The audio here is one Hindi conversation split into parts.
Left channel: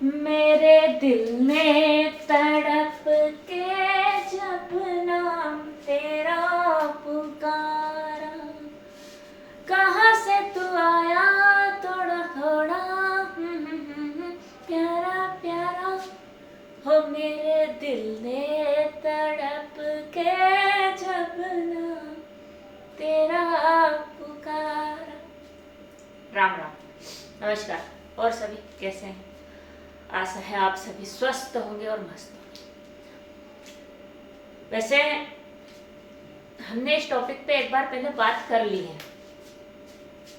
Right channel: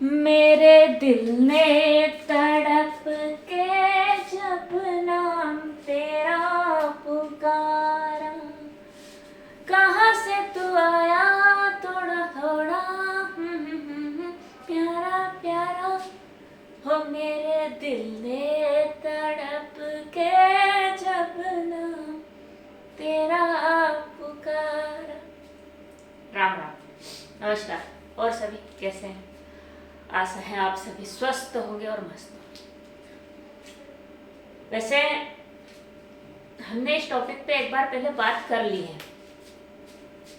मेरे दिल ने तड़प के जब नाम तेरा पुकारा, कहाँ से तू आया थोड़ा थोड़ा प्यारा प्यारा, हो मेरे दिल ने तड़प के जब नाम तेरा पुकारा। राम राम, नमस्कार। और सभी कैसे हैं? आशा है आप सभी स्वस्थ होंगे और मस्त होंगे। वैसे हमने इस टॉपिक पे एक बार पहले बात कर ली है,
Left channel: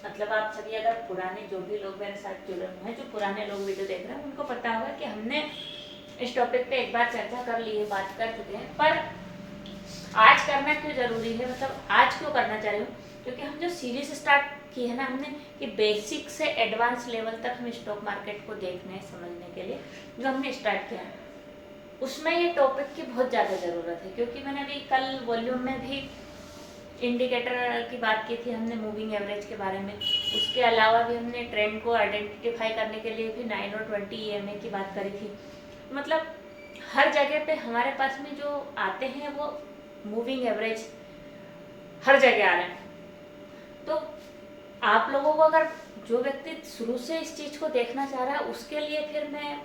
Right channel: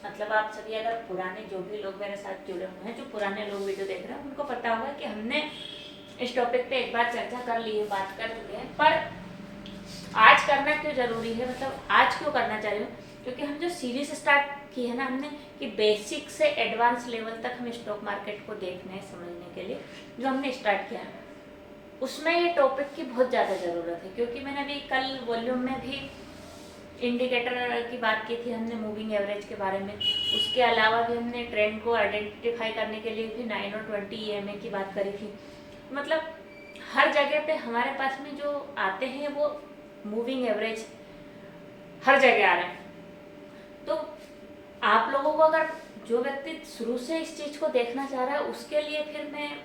मतलब आप सभी अगर पुराने जो भी लोग मेरे साथ जुड़े हुए हैं, जो पुराने लोग वीडियो देख रहे हैं, उनको पता होगा कि हमने इस टॉपिक पे एक बार चर्चा कर ली है, बात कर चुके हैं। पर आज करना क्यों जरूरी है, मतलब आज क्यों करना चाह रही हूँ, क्योंकि हम जो सीरीज स्टार्ट की है ना हमने, कि बेसिक से एडवांस लेवल तक हम स्टॉक मार्केट को देखने समझने के लिए जो हमने स्टार्ट किया है, उसमें ये टॉपिक की बहुत ज़्यादा ज़रूरत है। क्योंकि मैंने अभी कल वॉल्यूम में भी इंडिकेटर की बात की थी हमने, मूविंग एवरेज के बारे में। उसके अलावा भी हमने ट्रेंड को आइडेंटिफाई करने के लिए भी 9 और 20 EMA की बात करी थी। मतलब हर जगह पे हमारे पास में जो आते हैं वो मूविंग एवरेज हर जगह आ रहे हैं। तो आप लोगों को अगर जो व्यक्ति शुरू से इस चीज़ को देखना चाह रहा है, उसके लिए फिर मैं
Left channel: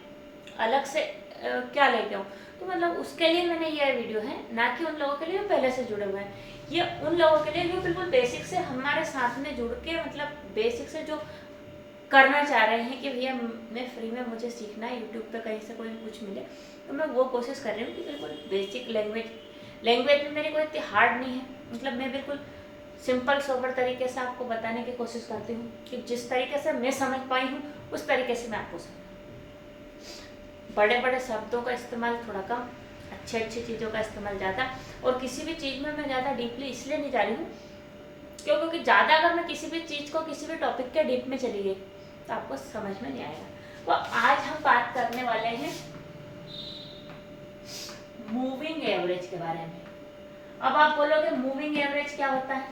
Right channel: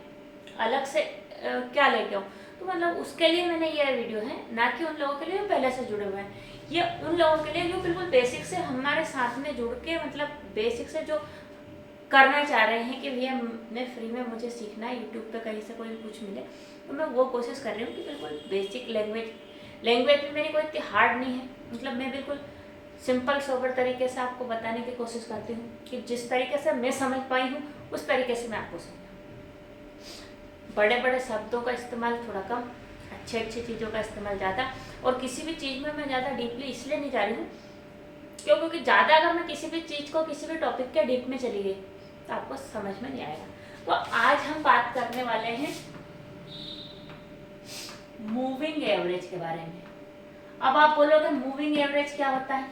अलग से क्या लेके आऊँ, तो मतलब उसके लिए मैंने ये वीडियो है, ना कि उन लोगों के लिए जो पहले से जुड़े हुए हैं। ये उन लोगों के लिए जो बिल्कुल बेसिक से हमारे साथ में जुड़ के, मतलब बेसिक से जो करना चाह रहे हैं कि भैया मैं फ्री में मुझे सीखना है, यूट्यूब पे कहीं से कोई कुछ मिले, तो मैं वो कोशिश कर रही हूँ कि बिल्कुल बेसिक लैंग्वेज में मेरी कोई इतनी हार्ड नहीं है। मतलब मैं बिल्कुल सिंपल सोबर तरीके से आपको बताने की कोशिश करती हूँ कि जिस तरीके से मैं समझ पाई हूँ उस तरीके से मैं आपको समझाऊँ। बड़े बड़े शब्दों का इस्तेमाल थोड़ा कम, अच्छी अच्छी चीज़ों का इस्तेमाल ज़्यादा। और किसी भी चीज़ में मैं ज़्यादा डीपली इसलिए नहीं जा रही हूँ क्योंकि ज़्यादा अगर मैं किसी भी चीज़ को, किसी भी टॉपिक के डीप में चली गई तो आपको समझ में नहीं आएगा। तो आज हम बात करने वाले हैं मूविंग एवरेज के बारे में। अब आप बोलोगे मूविंग एवरेज क्या होता है,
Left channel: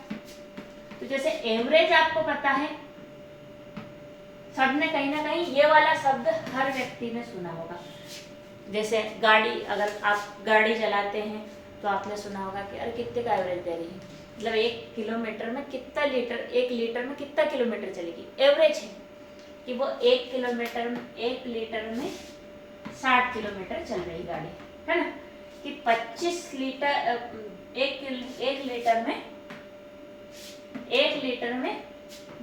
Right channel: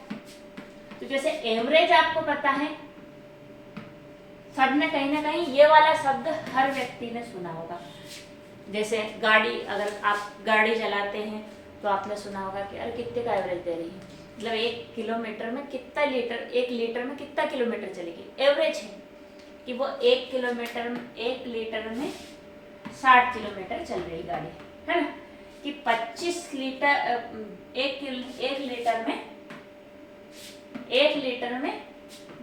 तो जैसे एवरेज आपको पता है, सबने कहीं ना कहीं ये वाला शब्द हर व्यक्ति ने सुना होगा। जैसे गाड़ी, अगर आप गाड़ी चलाते हैं तो आपने सुना होगा कि अरे कितने का एवरेज दे रही है, मतलब 1 किलोमीटर में कितना लीटर, 1 लीटर में कितना किलोमीटर चलेगी। एवरेज है कि वो 1 किलोमीटर में, 1 लीटर में 60 किलोमीटर चल रही गाड़ी, है ना। कि 25 लीटर, एक लीटर में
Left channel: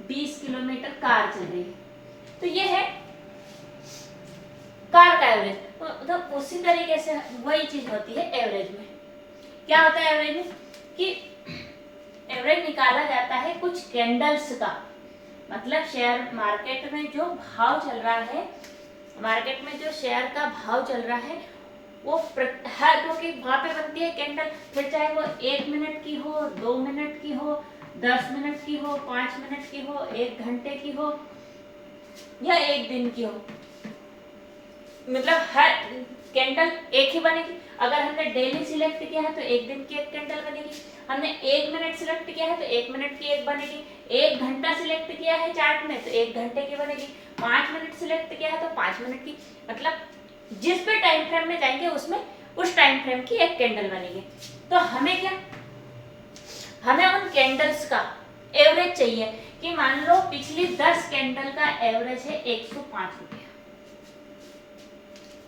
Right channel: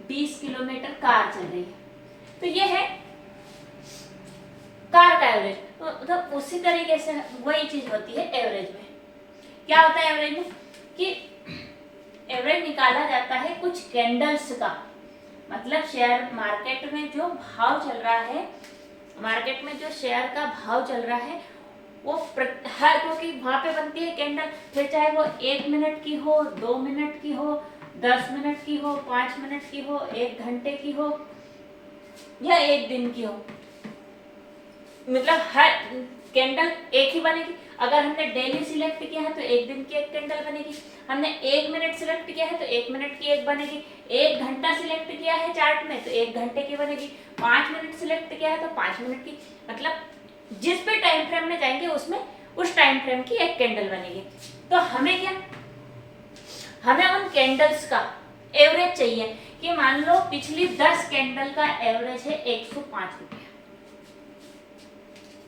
20 किलोमीटर कार चल रही है, तो ये है कार का एवरेज। तो मतलब उसी तरीके से वही चीज होती है एवरेज में। क्या होता है एवरेज में, कि एवरेज निकाला जाता है कुछ कैंडल्स का, मतलब शेयर मार्केट में जो भाव चल रहा है, मार्केट में जो शेयर का भाव चल रहा है वो है, क्योंकि वहां पे बनती है कैंडल, फिर चाहे वो 1 मिनट की हो, 2 मिनट की हो, 10 मिनट की हो, 5 मिनट की हो, 1 घंटे की हो या 1 दिन की हो, मतलब हर कैंडल एक ही बनेगी। अगर हमने डेली सिलेक्ट किया है तो 1 दिन की 1 कैंडल बनेगी। हमने 1 मिनट सिलेक्ट किया है तो 1 मिनट की 1 बनेगी। 1 घंटा सिलेक्ट किया है चार्ट में तो 1 घंटे की बनेगी। 5 मिनट सिलेक्ट किया है तो 5 मिनट की, मतलब जिस पे टाइम फ्रेम में जाएंगे उसमें उस टाइम फ्रेम की 1 कैंडल बनेगी। तो हमें क्या, हमें उन कैंडल्स का एवरेज चाहिए कि मान लो पिछली 10 कैंडल का एवरेज है 105 रुपये,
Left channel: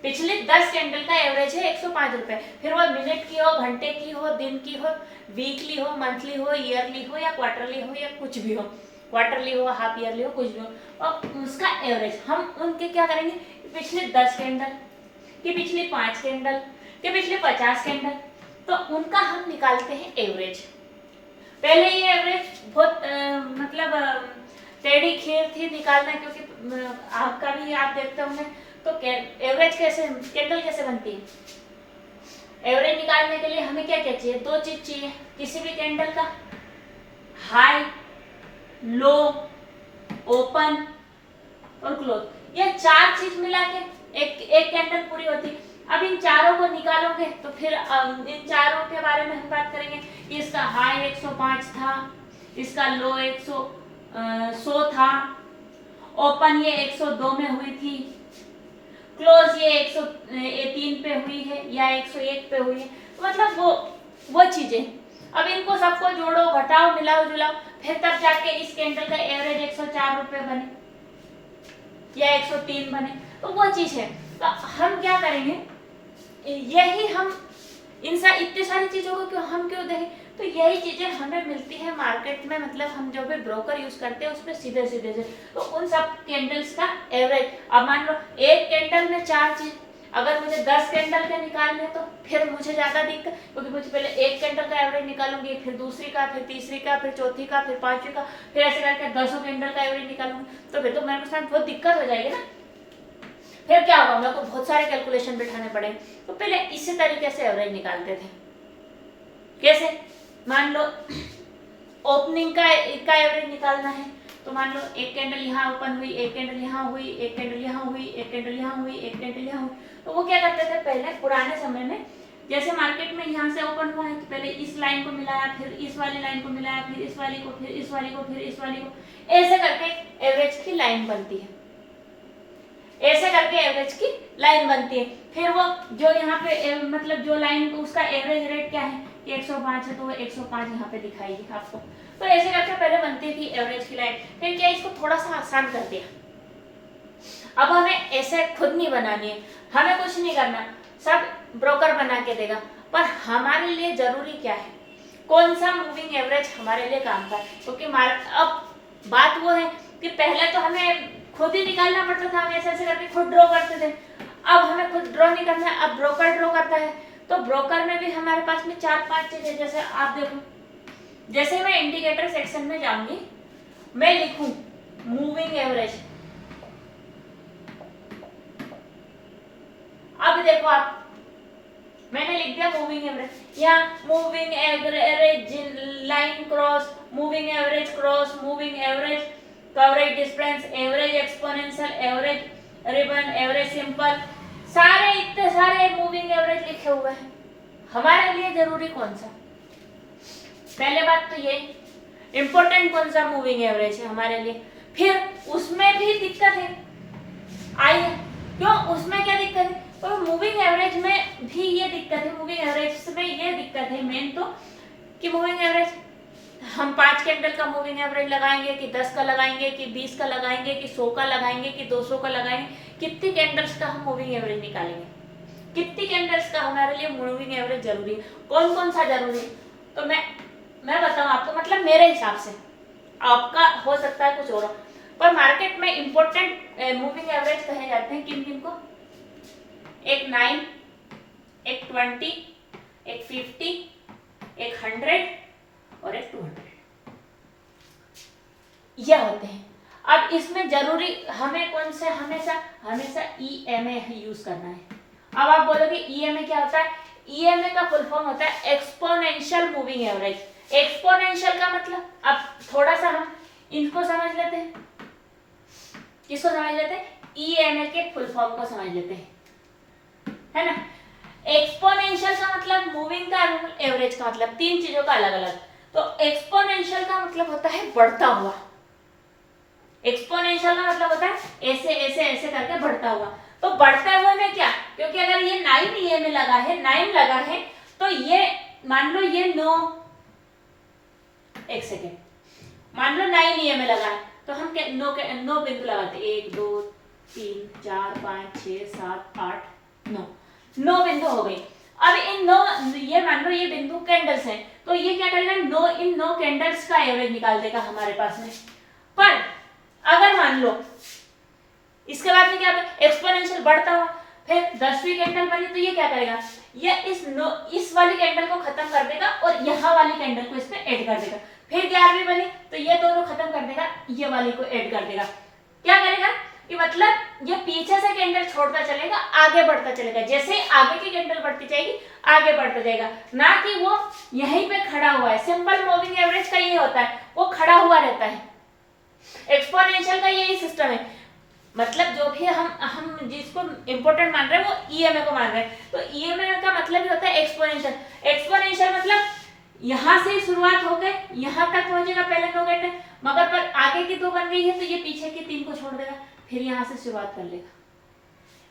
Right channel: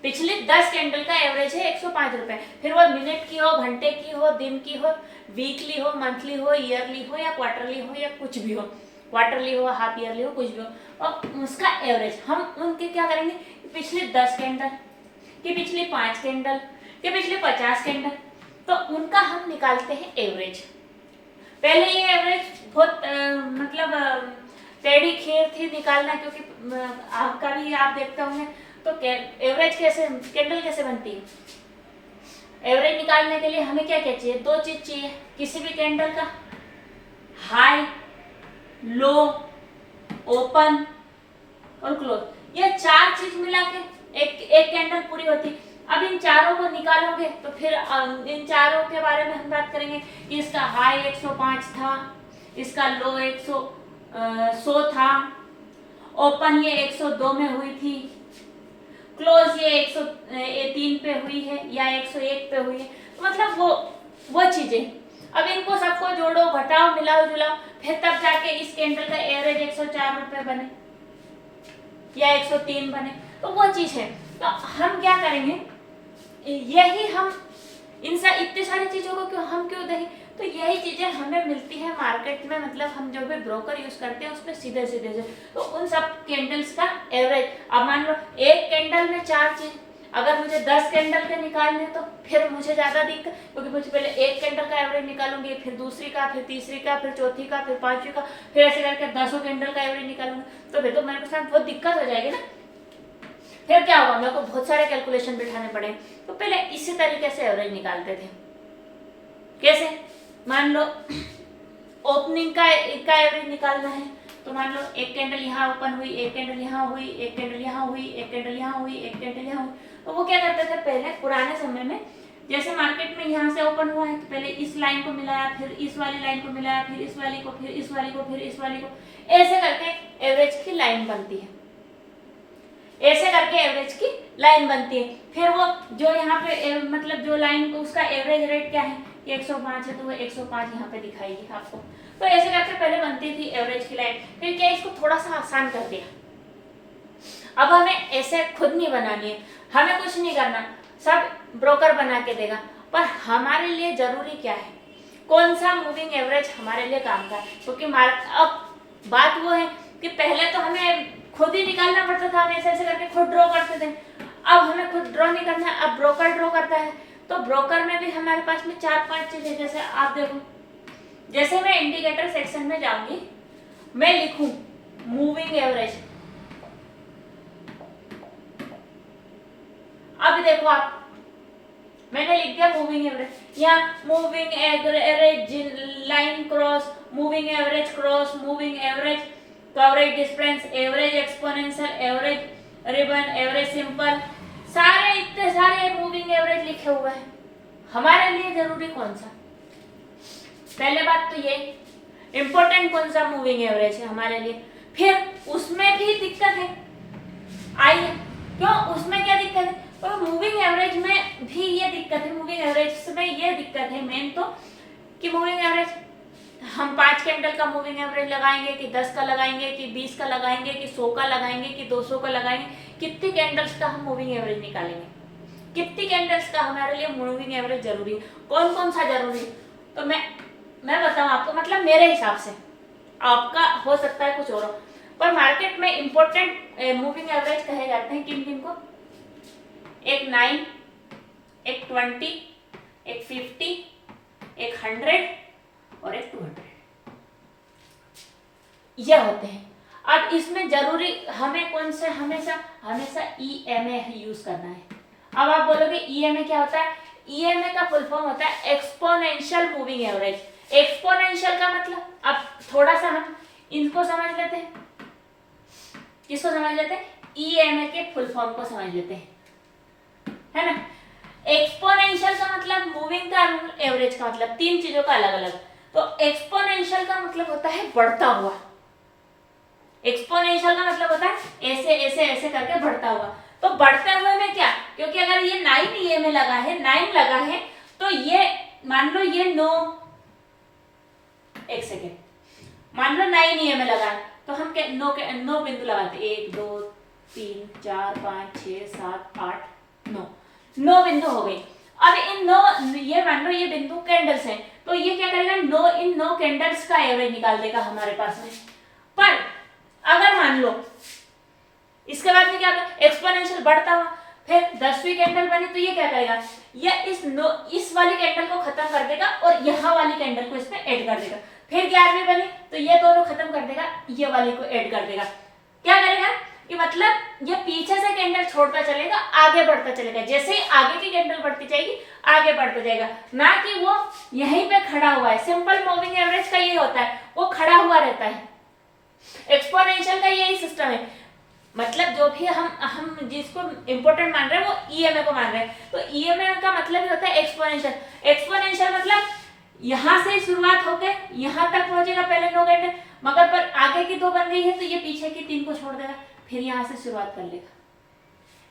पिछली 10 कैंडल का एवरेज है 105 रुपए। फिर वो मिनट की हो, घंटे की हो, दिन की हो, वीकली हो, मंथली हो, ईयरली हो या क्वार्टरली हो या कुछ भी हो, क्वार्टरली हो, हाफ ईयरली हो, कुछ भी हो, और उसका एवरेज हम उनके क्या करेंगे, पिछली 10 कैंडल कि पिछली 5 कैंडल कि पिछली 50 कैंडल, तो उनका हम निकालते हैं एवरेज। पहले ये एवरेज बहुत मतलब टेढ़ी खीर थी निकालना, क्योंकि आपका भी आप देखते होंगे तो एवरेज कैसे, कैंडल कैसे बनती है। एवरेज निकालने के लिए हमें क्या क्या चाहिए, 2 चीज चाहिए, किसी भी कैंडल का हाई, लो, ओपन और क्लोज, ये 4 चीज मिला के एक कैंडल पूरी होती। अब इन चारों को निकालोगे तो फिर इन चारों के बारे में हम बात करेंगे कि इसका हाई 105 था, इसका लो 100 था, ओपन ये 102 में हुई थी, क्लोज ये 103 पे हुई है या 101 पे हुई है, तो मतलब वो चीजें। अब इनको सबको जोड़ो, घटाओ, मिलाओ जुलाओ, फिर तब जाके इस कैंडल का एवरेज 104 रुपए बने या 103 बने, तो वो चीज है। तो हम क्या करेंगे, यही हम इतनी सारी चीजों को हम क्यों देखें, तो यही चीजें हमें मिलती है मार्केट में, मतलब हम जो भी ब्रोकर यूज करते हैं उसमें सीधे सीधे से। तो उन सब कैंडल्स का एवरेज, अब मान लो एक कैंडल में 4 चीज, अगर मुझे 10 कैंडल के निकालने तो फिर मुझे ज्यादा दिक्कत, क्योंकि मुझे पहले एक कैंडल का एवरेज निकालूंगी, फिर दूसरी का, फिर तीसरी का, फिर चौथी का, फिर पांचवी का, फिर ऐसे करके 10 कैंडल का एवरेज निकालूंगी, तो फिर तो मेरे साथ बहुत दिक्कत हो जाएगी ना। फिर क्या होगा, मेरे को बहुत सारे कैलकुलेशन बिठाने पड़े। तो पहले इसी तरीके से एवरेज निकालते थे। कैसे, मान लो ओपनिंग का एवरेज निकालना है, तो मान लो एक कैंडल यहाँ ओपन हुई, एक कैंडल यहाँ हुई, एक कैंडल यहाँ हुई, एक कैंडल यहाँ हुई, एक कैंडल यहाँ हुई, तो वो क्या करते थे पहले पुराने समय में, जैसे मार्केट में यहाँ से ओपन हुआ है तो पहले इस लाइन को मिलाया, फिर इस वाली लाइन को मिलाया, फिर इस वाली को, फिर इस वाली को, फिर इस वाली को, ऐसे करके एवरेज की लाइन बनती है, ऐसे करके एवरेज की लाइन बनती है। फिर वो जो यहाँ पे मतलब जो लाइन उसका एवरेज रेट क्या है, 105 है, तो वो 105 यहाँ पे दिखाएगी आपको। तो ऐसे करके पहले बनती थी एवरेज की लाइन। फिर क्या, इसको थोड़ा सा आसान कर दिया, अब हमें ऐसे खुद नहीं बनानी है, हमें कुछ नहीं करना, सब ब्रोकर बना के देगा। पर हमारे लिए जरूरी क्या है, कौन सा मूविंग एवरेज हमारे लिए काम का है, क्योंकि अब बात वो है कि पहले तो हमें खुद ही निकालना पड़ता था, हम ऐसे ऐसे करके खुद ड्रॉ करते थे। अब हमें खुद ड्रॉ नहीं करना है, अब ब्रोकर ड्रॉ करता है। तो ब्रोकर में भी हमारे पास में 4-5 चीजें, जैसे आप देखो, जैसे मैं इंडिकेटर सेक्शन में जाऊंगी, मैं लिखूं मूविंग एवरेज, अब देखो आप, मैंने लिख दिया मूविंग एवरेज, या moving average line cross, moving average cross, moving average coverage difference, average exponential, average ribbon, average simple, सारे इतने सारे मूविंग एवरेज लिखे हुए हैं। हमारे लिए जरूरी कौन सा, पहले बात तो ये इंपॉर्टेंट कौन सा मूविंग एवरेज है हमारे लिए। फिर उसमें भी दिक्कत है, आई है, क्यों उसमें क्या दिक्कत है, तो मूविंग एवरेज में भी ये दिक्कत है, मूविंग एवरेज में ये दिक्कत है मेन तो, कि मूविंग एवरेज हम 5 कैंडल का मूविंग एवरेज लगाएंगे कि 10 का लगाएंगे कि 20 का लगाएंगे कि 100 का लगाएंगे कि 200 का लगाएंगे, कितनी कैंडल्स का हम मूविंग एवरेज निकालेंगे, कितनी कैंडल्स का हमारे लिए मूविंग एवरेज जरूरी है, कौन कौन सा जरूरी है। तो मैं बताऊं आपको, मतलब मेरे हिसाब से, आपका हो सकता है कुछ और, पर मार्केट में इंपॉर्टेंट मूविंग एवरेज कहे जाते हैं किन किन को, एक 9, एक 20, एक 50, एक 100 और एक 200, ये होते हैं। अब इसमें जरूरी हमें कौन से, हमेशा EMA यूज करना है। अब आप बोलोगे EMA क्या होता है, EMA का फुल फॉर्म होता है एक्सपोनेंशियल मूविंग एवरेज। एक्सपोनेंशियल का मतलब, अब थोड़ा सा हम इनको समझ लेते हैं, किसको समझ लेते हैं, EMA के फुल फॉर्म को समझ लेते हैं, है ना। एक्सपोनेंशियल का मतलब मूविंग का एवरेज का मतलब, 3 चीजों का अलग अलग। तो एक्सपोनेंशियल का मतलब होता है बढ़ता हुआ, एक्सपोनेंशियल का मतलब होता है ऐसे ऐसे ऐसे करके बढ़ता हुआ। तो बढ़ते हुए में क्या, क्योंकि अगर ये 9 EMA लगा है, 9 लगा है, तो ये मान लो ये 9, एक सेकेंड, मान लो 9 EMA लगा है, तो हम 9 बिंदु लगाते, 1 2 3 4 5 6 7 8 9 बिंदु हो गई। अब इन 9, ये मान लो ये बिंदु कैंडल्स हैं, तो ये क्या करेगा, इन 9 कैंडल्स का एवरेज निकाल देगा हमारे पास में। पर अगर मान लो इसके बाद में क्या होगा, एक्सपोनेंशियल बढ़ता हुआ, फिर 10वीं कैंडल बनी तो ये क्या करेगा, ये इस वाली कैंडल को खत्म कर देगा और यहाँ वाली कैंडल को इसमें ऐड कर देगा। फिर 11वीं बनी तो ये दोनों खत्म कर देगा, ये वाली को ऐड कर देगा। क्या करेगा कि मतलब ये पीछे से कैंडल छोड़ता चलेगा, आगे बढ़ता चलेगा, जैसे ही आगे की कैंडल बढ़ती जाएगी आगे बढ़ता जाएगा, ना कि वो यहीं पे खड़ा हुआ है। सिंपल मूविंग एवरेज का ये होता है, वो खड़ा हुआ रहता है। एक्सपोनेंशियल का यही सिस्टम है, मतलब जो भी हम जिसको इंपॉर्टेंट मान रहे हैं वो EMA को मान रहे हैं, तो EMA का मतलब ही होता है एक्सपोनेंशियल। एक्सपोनेंशियल मतलब यहाँ से शुरुआत होकर यहाँ तक पहुंचेगा पहले 9 कैंडल, मगर पर आगे की 2 बन गई है तो ये पीछे की 3 को छोड़ देगा, फिर यहाँ से शुरुआत कर लेगा।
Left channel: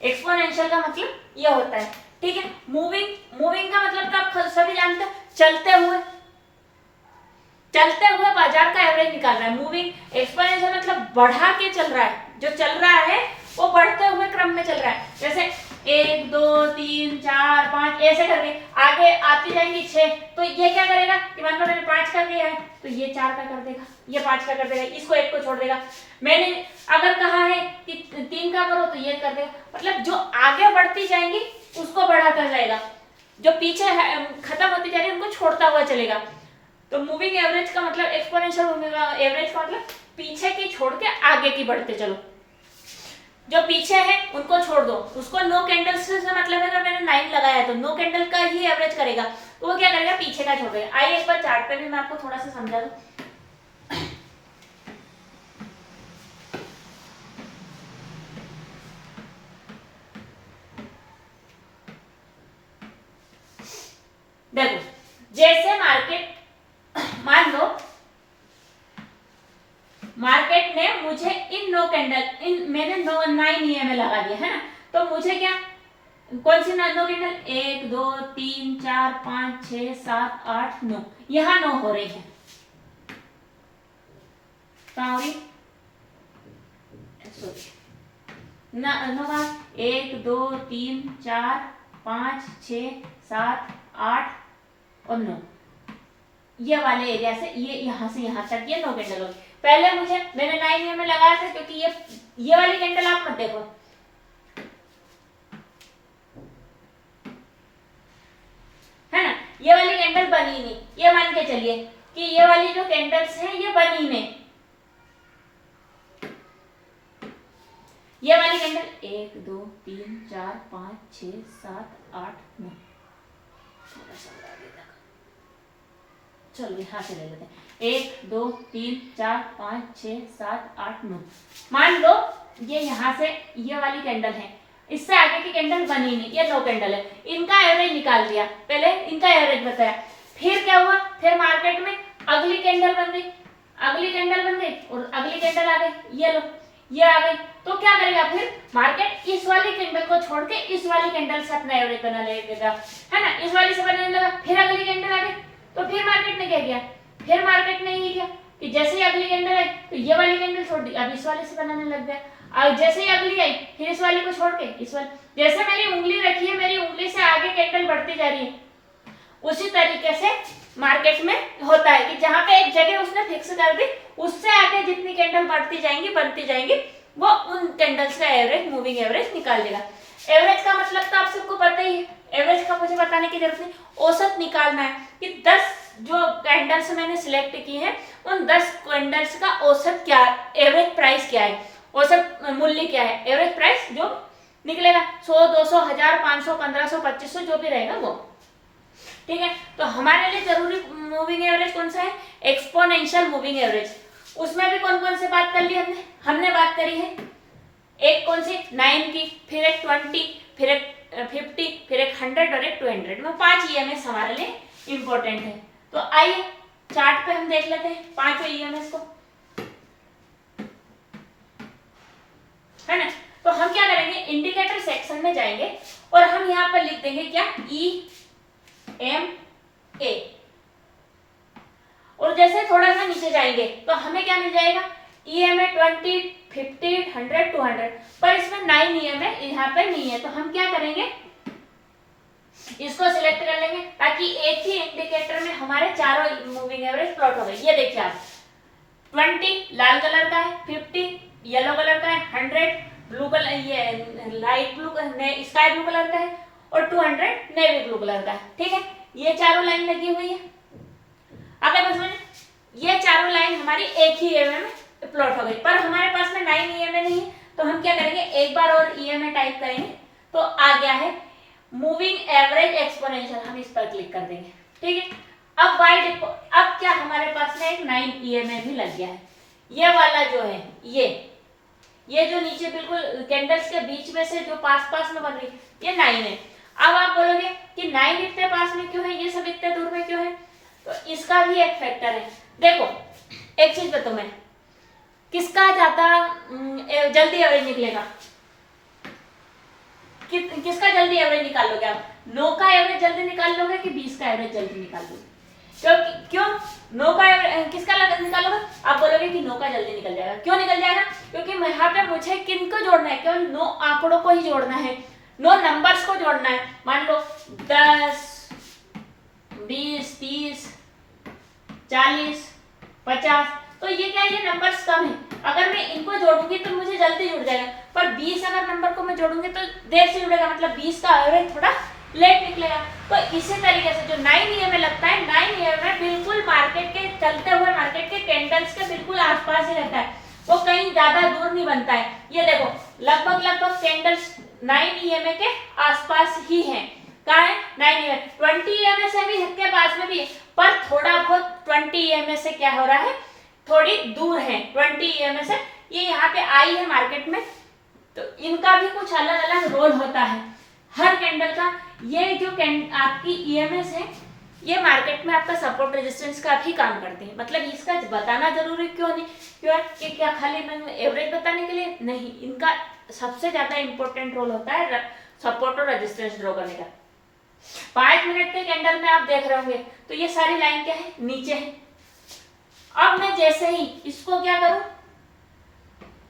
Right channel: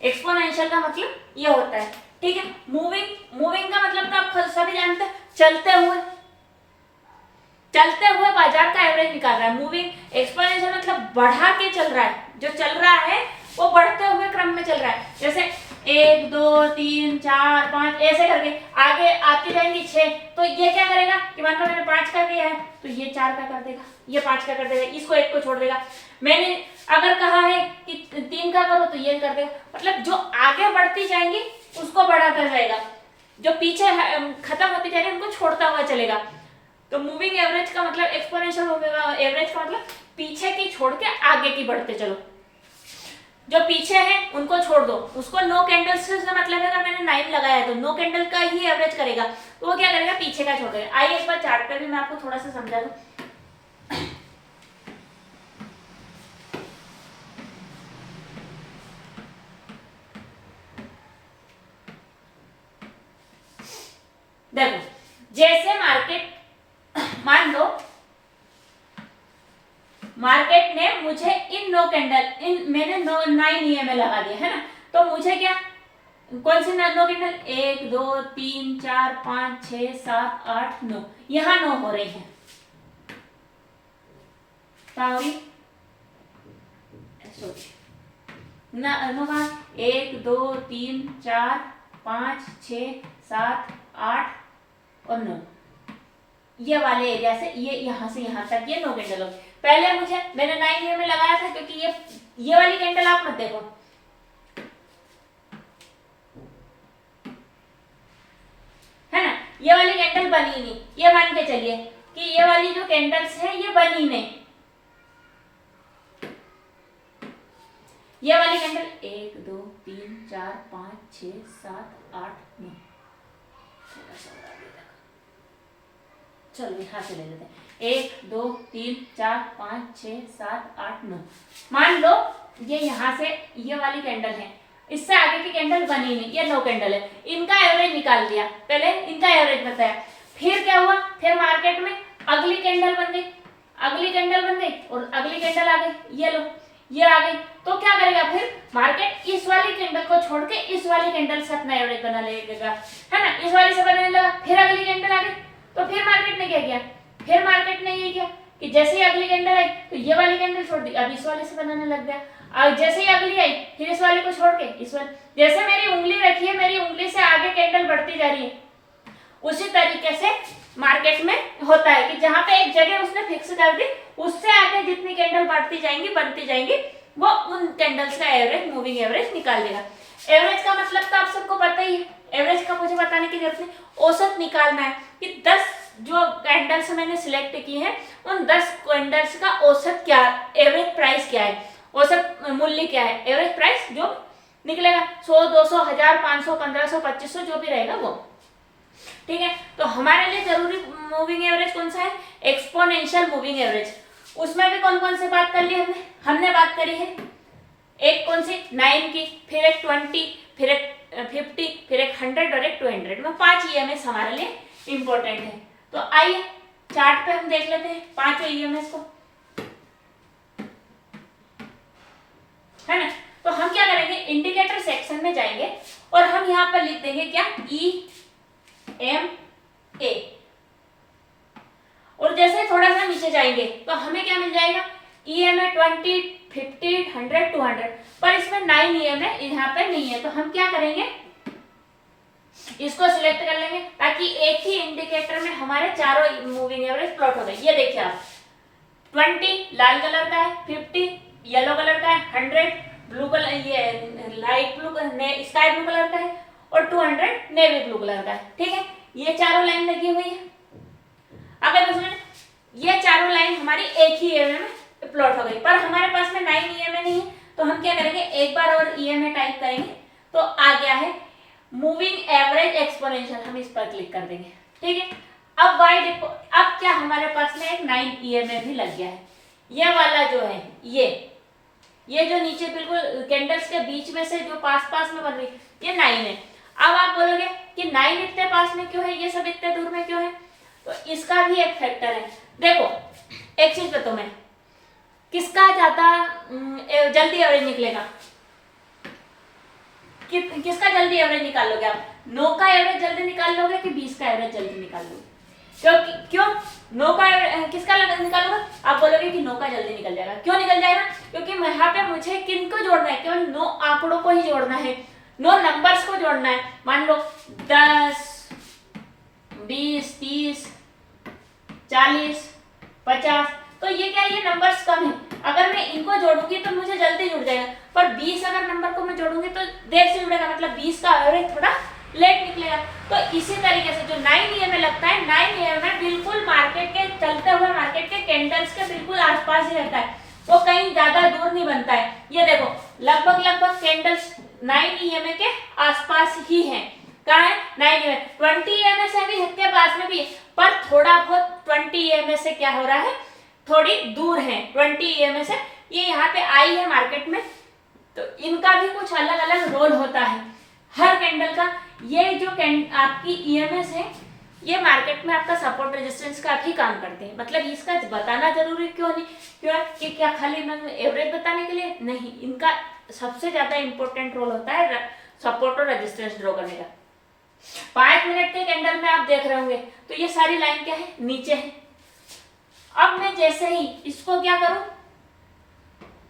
एक्सपोनेंशियल एक्सपोनेंशियल का मतलब ये होता है, ठीक है। मूविंग का मतलब तो आप सभी जानते हैं, चलते हुए बाजार का एवरेज निकाल रहा है। मूविंग एक्सपोनेंशियल मतलब बढ़ा के चल रहा है, जो चल रहा है वो बढ़ते हुए क्रम में चल रहा है। जैसे 1 2 3 4 5 ऐसे करके आगे आती जाएंगी 6, तो ये क्या करेगा कि मान लो मैंने 5 का किया है तो ये 4 का कर देगा, ये 5 का कर देगा, इसको 1 को छोड़ देगा। मैंने अगर कहा है कि 3 का करो तो ये कर देगा। मतलब जो आगे बढ़ती जाएंगी उसको बढ़ाता जाएगा, जो पीछे खत्म होती जा रही है उनको छोड़ता हुआ चलेगा। तो मूविंग एवरेज का मतलब एक्सपोनेंशियल एवरेज का मतलब पीछे की छोड़ के आगे की बढ़ते चलो। जो पीछे है उनको छोड़ दो, उसको नो कैंडल से मतलब है, अगर मैंने 9 लगाया है तो नो कैंडल का ही एवरेज करेगा, तो वो क्या करेगा, पीछे का छोड़ देगा। आइए एक बार चार्ट पे भी मैं आपको थोड़ा सा समझा दूं। देखो जैसे मान लो मार्केट ने मुझे मैंने 9 ईएमए लगा दिया है ना, तो मुझे क्या, कौन सी नो कैंडल, 1 2 3 4 5 6 7 8 9, यहाँ 9 हो रही है। ना 1 2 3 4 5 6 7 8 और 9, ये वाले एरिया से ये यहाँ से यहाँ तक ये 9 कैंडल होगी। पहले मैंने 9 में लगाया था, क्योंकि ये वाली कैंडल आप मत देखो, है ना, ये वाली कैंडल बनी नहीं, ये मान के चलिए कि ये वाली जो कैंडल्स है ये बनी नहीं। ये वाली कैंडल 1 2 3 4 5 6 7 8 9, थोड़ा सा बढ़ा देता, चलो यहां से ले लेते हैं, 1 2 3 4 5 6 7 8 9। मान लो ये यहाँ से ये वाली कैंडल है, इससे आगे की कैंडल बनी नहीं, ये 9 कैंडल है, इनका एवरेज निकाल दिया, पहले इनका एवरेज बताया। फिर क्या हुआ, फिर मार्केट में अगली कैंडल बन गई, और अगली कैंडल आ गई, ये लो ये आ गई, तो क्या करेगा, फिर मार्केट इस वाली कैंडल को छोड़ के इस वाली कैंडल से अपना एवरेज बना लेगा, है ना, इस वाली से बनाने लगा। फिर अगली कैंडल आ गई, तो फिर मार्केट ने क्या किया, फिर मार्केट ने ये किया कि जैसे ही अगली कैंडल आई तो ये वाली कैंडल छोड़ दी, अब इस वाले से बनाने लग गया। और जैसे ही अगली आई फिर इस वाली को छोड़ के इस वाली, जैसे मेरी उंगली रखी है, मेरी उंगली से आगे कैंडल बढ़ती जा रही है, उसी तरीके से मार्केट में होता है कि जहां पे एक जगह उसने फिक्स कर दी, उससे आगे जितनी कैंडल बढ़ती जाएंगी वो उन कैंडल्स का एवरेज, मूविंग एवरेज निकाल देगा। एवरेज का मतलब तो आप सबको पता ही है, एवरेज का मुझे बताने की जरूरत नहीं, औसत निकालना है कि 10 जो कैंडल्स मैंने सिलेक्ट की है उन 10 कैंडल्स का औसत क्या, एवरेज प्राइस क्या है, औसत मूल्य क्या है, एवरेज प्राइस जो निकलेगा 100 200 1000 500 1500 2500 जो भी रहेगा वो, ठीक है। तो हमारे लिए जरूरी मूविंग एवरेज कौन सा है, एक्सपोनेंशियल मूविंग एवरेज। उसमें भी कौन कौन से बात कर ली हमने बात करी है, एक कौन सी 9 की, फिर एक 20, फिर एक 50, फिर एक 100 और एक 200 में 5 ईएमएस हमारे लिए इंपॉर्टेंट है। तो आइए चार्ट पे हम देख लेते हैं 5 ईएमएस को, है ना। तो हम क्या करेंगे, इंडिकेटर सेक्शन में जाएंगे और हम यहाँ पर लिख देंगे क्या, EMA, और जैसे थोड़ा सा नीचे जाएंगे तो हमें क्या मिल जाएगा, EMA 20 50 100 200, पर इसमें 9 EMA यहाँ पे नहीं है, तो हम क्या करेंगे, इसको सिलेक्ट कर लेंगे ताकि एक ही इंडिकेटर में हमारे चारों मूविंग एवरेज प्लॉट हो गए। ये देखिए आप, 20 लाल कलर का है, 50 येलो कलर का है, 100 ब्लू कलर, ये light blue sky blue colour का है, और 200 नेवी ब्लू कलर का है, ठीक है। ये चारों लाइन लगी हुई है। अगर उसमें ये चारों लाइन हमारी एक ही ईएमए में प्लॉट हो गई, पर हमारे पास में 9 ईएमए नहीं है, तो हम क्या करेंगे, एक बार और ईएमए टाइप करेंगे तो आ गया है मूविंग एवरेज एक्सपोनेंशियल, हम इस पर क्लिक कर देंगे, ठीक है। अब क्या हमारे पास में एक 9 ईएमए भी लग गया है। ये वाला जो है, ये जो नीचे बिल्कुल कैंडल्स के बीच में से जो पास में बन रही, ये 9 है। अब आप बोलोगे कि 9 इतने पास में क्यों है, ये सब इतने दूर में क्यों है, तो इसका भी एक फैक्टर है। देखो एक चीज बताऊं मैं, किसका ज्यादा जल्दी एवरेज निकलेगा, किसका जल्दी एवरेज निकाल लोगे आप? 9 का एवरेज जल्दी निकाल लोगे कि 20 का एवरेज जल्दी निकाल लोगे? क्यों 9 का किसका निकालोगे? आप बोलोगे कि 9 का जल्दी निकल जाएगा। क्यों निकल जाएगा? क्योंकि यहाँ पे मुझे किनको जोड़ना है? केवल 9 आंकड़ों को ही जोड़ना है, 9 नंबर्स को जोड़ना है। मान लो 10, 20, 30, 40, 50, तो ये क्या, ये नंबर्स कम है। अगर मैं इनको जोड़ूंगी तो मुझे जल्दी जुड़ जाएगा, पर 20 अगर नंबर को मैं जोड़ूंगी तो देर से जुड़ेगा, मतलब 20 का एवरेज थोड़ा लेट निकलेगा। तो इसी तरीके से जो 9 EMA लगता है, 9 EMA बिल्कुल मार्केट के चलते हुए मार्केट के कैंडल्स के बिल्कुल आसपास ही रहता है, वो कहीं ज्यादा दूर नहीं बनता है। ये देखो लगभग कैंडल्स 9 EMA के आसपास ही है। कहाँ है? 9 EMA। 20 EMA से भी के पास में भी है, पर थोड़ा बहुत 20 EMA से क्या हो रहा है, थोड़ी दूर है 20 EMA से। ये यहाँ पे आई है मार्केट में, तो इनका भी कुछ अलग अलग रोल होता है हर कैंडल का। ये जो आपकी EMS है, ये मार्केट में आपका सपोर्ट रेजिस्टेंस का भी काम करते हैं। मतलब इसका बताना जरूरी क्यों नहीं, क्यों है कि क्या खाली मैं एवरेज बताने के लिए नहीं, इनका सबसे ज्यादा इंपॉर्टेंट रोल होता है सपोर्ट और रेजिस्टेंस ड्रॉ करने का। 5 मिनट के कैंडल में आप देख रहे होंगे तो ये सारी लाइन क्या है, नीचे है। अब मैं जैसे ही इसको क्या करूं,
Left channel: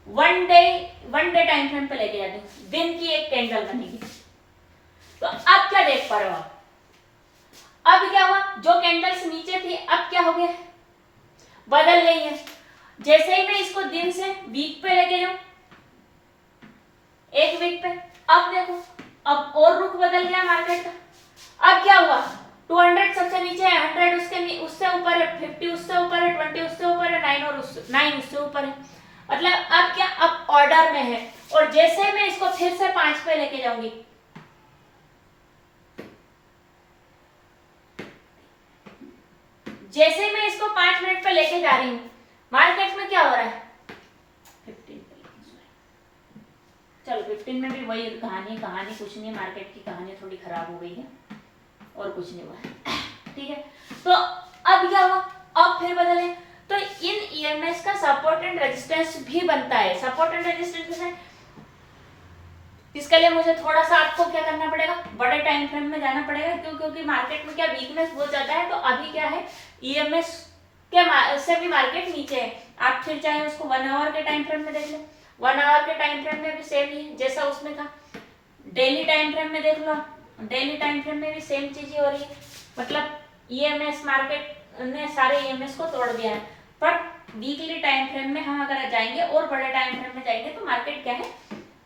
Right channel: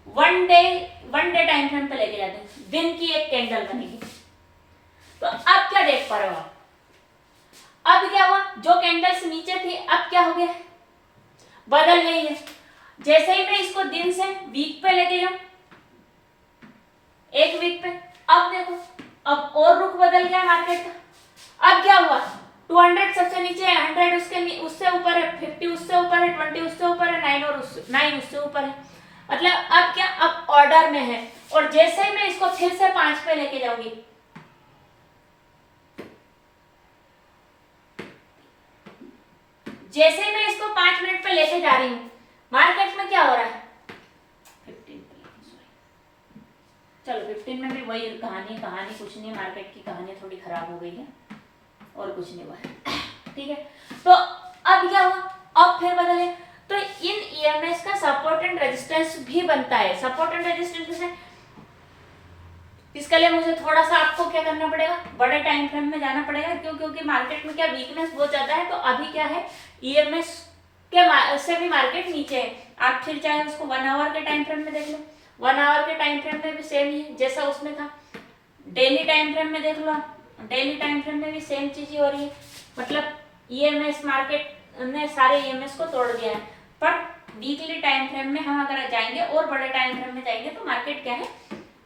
वन डे टाइम फ्रेम पे लेके जाते हैं, दिन की एक कैंडल बनेगी। तो अब क्या देख पा रहे हो आप? अब क्या हुआ, जो कैंडल्स नीचे थी अब क्या हो गया, बदल गई है। जैसे ही मैं इसको दिन से वीक पे लेके जाऊं, एक वीक पे, अब देखो अब और रुख बदल गया मार्केट का। अब क्या हुआ, 200 सबसे नीचे है, 100 उससे ऊपर है, 50 उससे ऊपर है, 20 उससे ऊपर है, 9 उससे ऊपर है। मतलब अब क्या, अब ऑर्डर में है। और जैसे मैं इसको फिर से 5 पे लेके जाऊंगी, जैसे मैं इसको 5 मिनट पे लेके जा रही हूं, मार्केट में क्या हो रहा है, 15 चलो 15 में भी वही कहानी कुछ नहीं है, मार्केट की कहानी थोड़ी खराब हो गई है और कुछ नहीं हुआ है। ठीक है, तो अब क्या हुआ, अब फिर बदले। तो इन EMS का सपोर्ट एंड रेजिस्टेंस भी बनता है। सपोर्ट एंड रेजिस्टेंस है, इसके लिए मुझे थोड़ा सा आपको क्या करना पड़ेगा, बड़े टाइम फ्रेम में जाना पड़ेगा। क्योंकि मार्केट में क्या वीकनेस बहुत ज्यादा है। तो अभी क्या है, EMS के उससे भी मार्केट नीचे है। आप फिर चाहे उसको 1 आवर के टाइम फ्रेम में देख लो, 1 आवर के टाइम फ्रेम में भी सेम ही है जैसा उसमें था। डेली टाइम फ्रेम में देख लो, डेली टाइम फ्रेम में भी सेम चीज ही हो रही है। मतलब EMS मार्केट ने सारे EMS को तोड़ दिया है। पर वीकली टाइम फ्रेम में हम अगर जाएंगे और बड़े टाइम फ्रेम में जाएंगे तो मार्केट क्या है,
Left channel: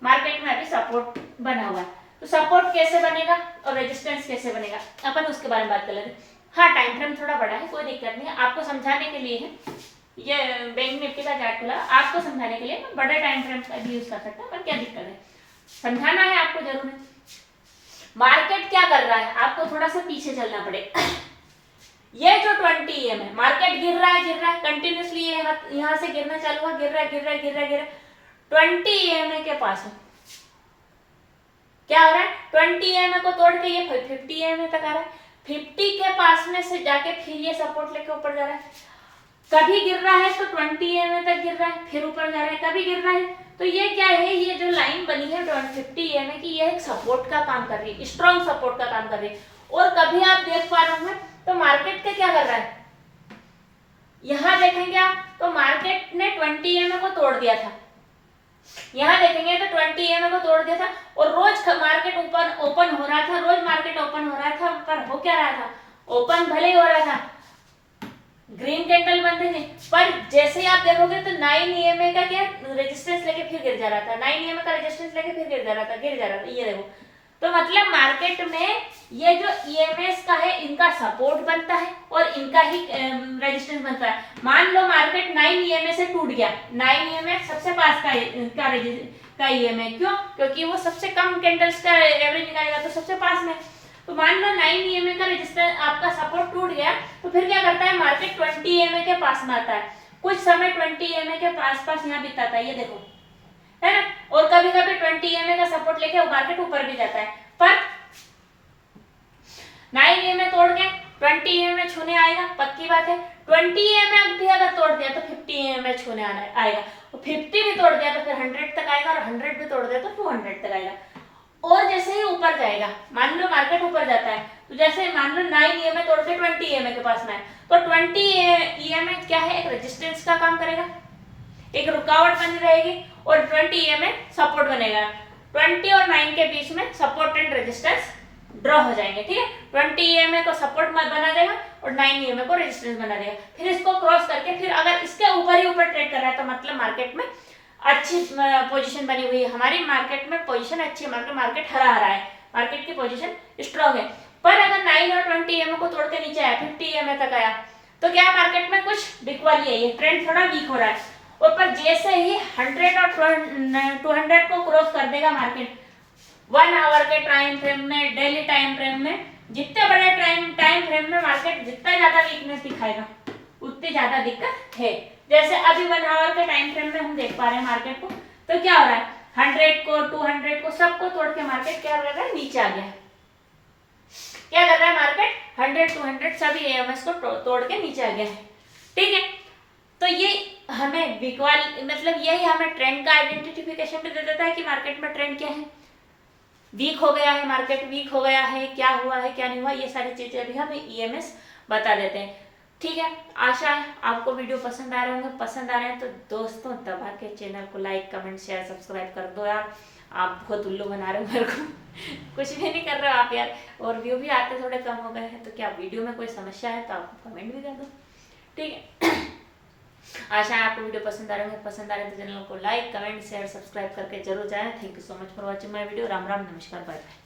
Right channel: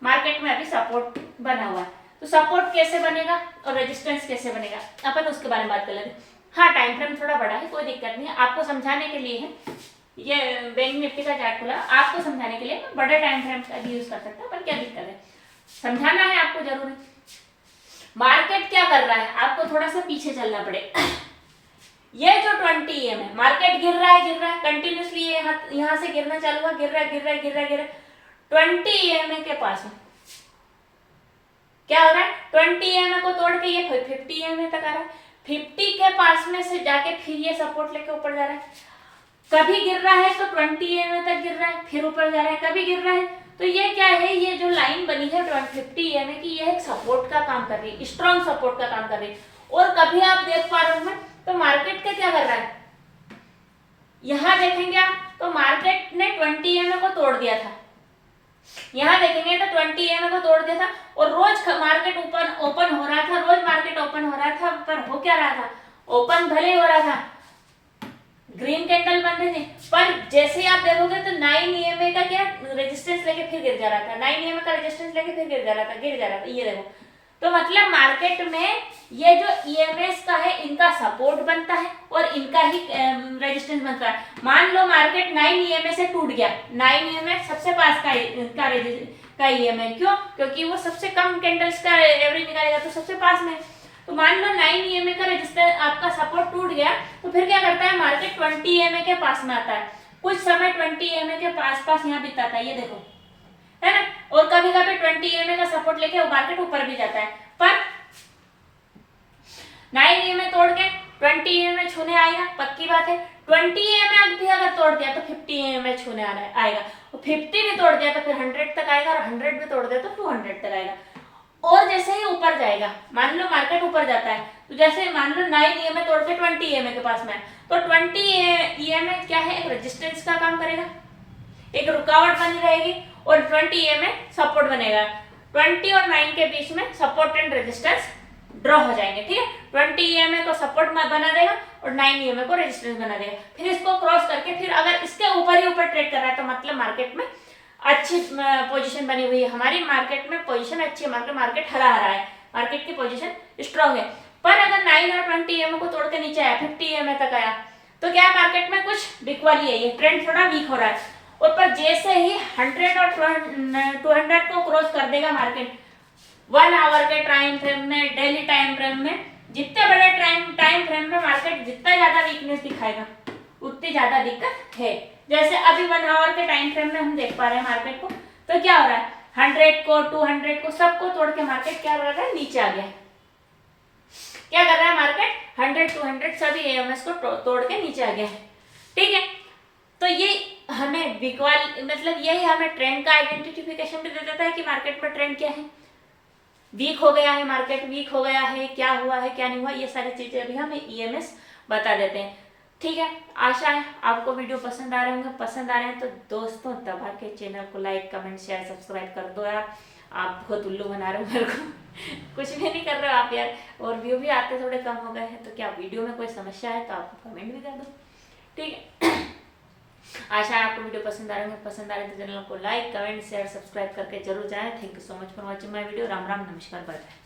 मार्केट में अभी सपोर्ट बना हुआ है। तो सपोर्ट कैसे बनेगा और रेजिस्टेंस कैसे बनेगा, अपन उसके बारे में बात कर लेते हैं। हाँ, टाइम फ्रेम थोड़ा बड़ा है, कोई दिक्कत नहीं है, आपको समझाने के लिए है। ये बैंक निफ्टी का चार्ट खुला, आपको समझाने के लिए मैं बड़े टाइम फ्रेम का भी यूज कर सकता हूँ, पर क्या दिक्कत है, समझाना है आपको जरूर है। मार्केट क्या कर रहा है, आपको थोड़ा सा पीछे चलना पड़ेगा। ये जो 20 EM है, मार्केट गिर रहा है कंटिन्यूसली, यहाँ से गिरना चालू हुआ, गिर रहा है 20 EM के पास है। क्या हो रहा है, 20 EM को तोड़ के ये 50 EM तक आ रहा है। 50 के पास में से जाके फिर ये सपोर्ट लेके ऊपर जा रहा है। कभी गिर रहा है तो 20 EM तक गिर रहा है, फिर ऊपर जा रहा है, कभी गिर रहा है। तो ये क्या है, ये जो लाइन बनी है 50 EM की, ये एक सपोर्ट का काम कर रही है, स्ट्रॉन्ग सपोर्ट का काम कर रही है। और कभी आप देख पा रहे होंगे तो मार्केट क्या कर रहा है, यहां देखेंगे आप तो मार्केट ने 20 EM को तोड़ दिया था। यहां देखेंगे तो 20 EM को तोड़ दिया था और रोज मार्केट ओपन हो रहा था, रोज मार्केट ओपन हो रहा था, पर हो क्या रहा था, ओपन भले ही हो रहा था, ग्रीन कैंडल बन रही थी, पर जैसे ही आप देखोगे तो 9 EM का क्या रेजिस्टेंस लेके फिर गिर जा रहा था, 9 EM का रेजिस्टेंस लेके फिर गिर जा रहा था। ये देखो, तो मतलब मार्केट में ये जो EMS का है, इनका सपोर्ट बनता है और इनका ही रेजिस्टेंस बनता है। मान लो मार्केट 9 EMS से टूट गया, 9 EMS सबसे पास का EM है, क्यों, क्योंकि वो सबसे कम कैंडल्स का एवरेज निकालेगा तो सबसे पास में। तो मान लो 9 EM का रेजिस्टेंस आपका सपोर्ट टूट गया, तो फिर क्या करता है, मार्केट 20 EM के पास में आता है, कुछ समय 20 EM के पास यहाँ बिताता है, ये देखो, है ना। और कभी कभी 20 EM का सपोर्ट लेके मार्केट ऊपर भी जाता है, पर 9 EM तोड़ के 20 EM छूने आएगा, पक्की बात है। 20 EM भी अगर तोड़ दिया तो 50 EM छूने आएगा, और 50 भी तोड़ दिया तो फिर 100 तक आएगा, और 100 भी तोड़ दिया तो 200 तक आएगा। और जैसे ही ऊपर जाएगा, मान लो मार्केट ऊपर जाता है, तो जैसे मान लो 9 EMA तोड़ के 20 EMA के पास में है, तो 20 EMA क्या है, एक रेजिस्टेंस का काम करेगा, एक रुकावट बनी रहेगी, और 20 EMA सपोर्ट बनेगा। 20 और 9 के बीच में सपोर्ट एंड रेजिस्टेंस ड्रॉ हो जाएंगे, ठीक है। 20 EMA को सपोर्ट बना देगा और 9 EMA को रेजिस्टेंस बना देगा। फिर इसको क्रॉस करके फिर अगर इसके ऊपर ही ऊपर ट्रेड कर रहा है तो मतलब मार्केट में अच्छी पोजीशन बनी हुई है, हमारी मार्केट में पोजीशन अच्छी है, मार्केट हरा हरा है, मार्केट की पोजीशन स्ट्रांग है। पर अगर 9 और 20 EMA को तोड़ के नीचे आया, 50 EMA तक आया, तो क्या मार्केट में कुछ बिकवाली है, ये ट्रेंड थोड़ा वीक हो रहा है। और पर जैसे ही 100 और 200 को क्रॉस कर देगा मार्केट 1 आवर के टाइम फ्रेम में, डेली टाइम फ्रेम में, जितने बड़े टाइम फ्रेम में मार्केट जितना ज्यादा वीकनेस दिखाएगा उतनी ज्यादा दिक्कत है। जैसे अभी 1 आवर के टाइम फ्रेम में हम देख पा रहे हैं मार्केट को, तो क्या हो रहा है, 100 को 200 को सबको तोड़ के मार्केट क्या कर रहा है, नीचे आ गया है। क्या कर रहा है मार्केट, 100 200 सभी एएमएस को तोड़ के नीचे आ गया है, ठीक है। तो ये हमें मतलब यही हमें ट्रेंड का आइडेंटिफिकेशन भी दे देता है कि मार्केट में ट्रेंड क्या है, वीक हो गया है, मार्केट वीक हो गया है, क्या हुआ है क्या नहीं हुआ, ये सारी चीजें भी हमें ईएमएस बता देते हैं, ठीक है। आशा है आपको वीडियो पसंद आ रहे होंगे, पसंद आ रहे हैं तो दोस्तों दबा के चैनल को लाइक कमेंट शेयर सब्सक्राइब कर दो यार। आप बहुत उल्लू बना रहे हो मेरे को कुछ भी नहीं कर रहे हो आप यार, और व्यू भी आते थोड़े कम हो गए हैं, तो क्या वीडियो में कोई समस्या है तो आप कमेंट भी कर दो, ठीक है। आशा है आपको वीडियो पसंद आ रहे होंगे, पसंद आ रहे तो चैनल को लाइक कमेंट शेयर सब्सक्राइब करके जरूर जाएं। Thank you so much for watching my video. Ram Ram, नमस्कार, बाय बाय।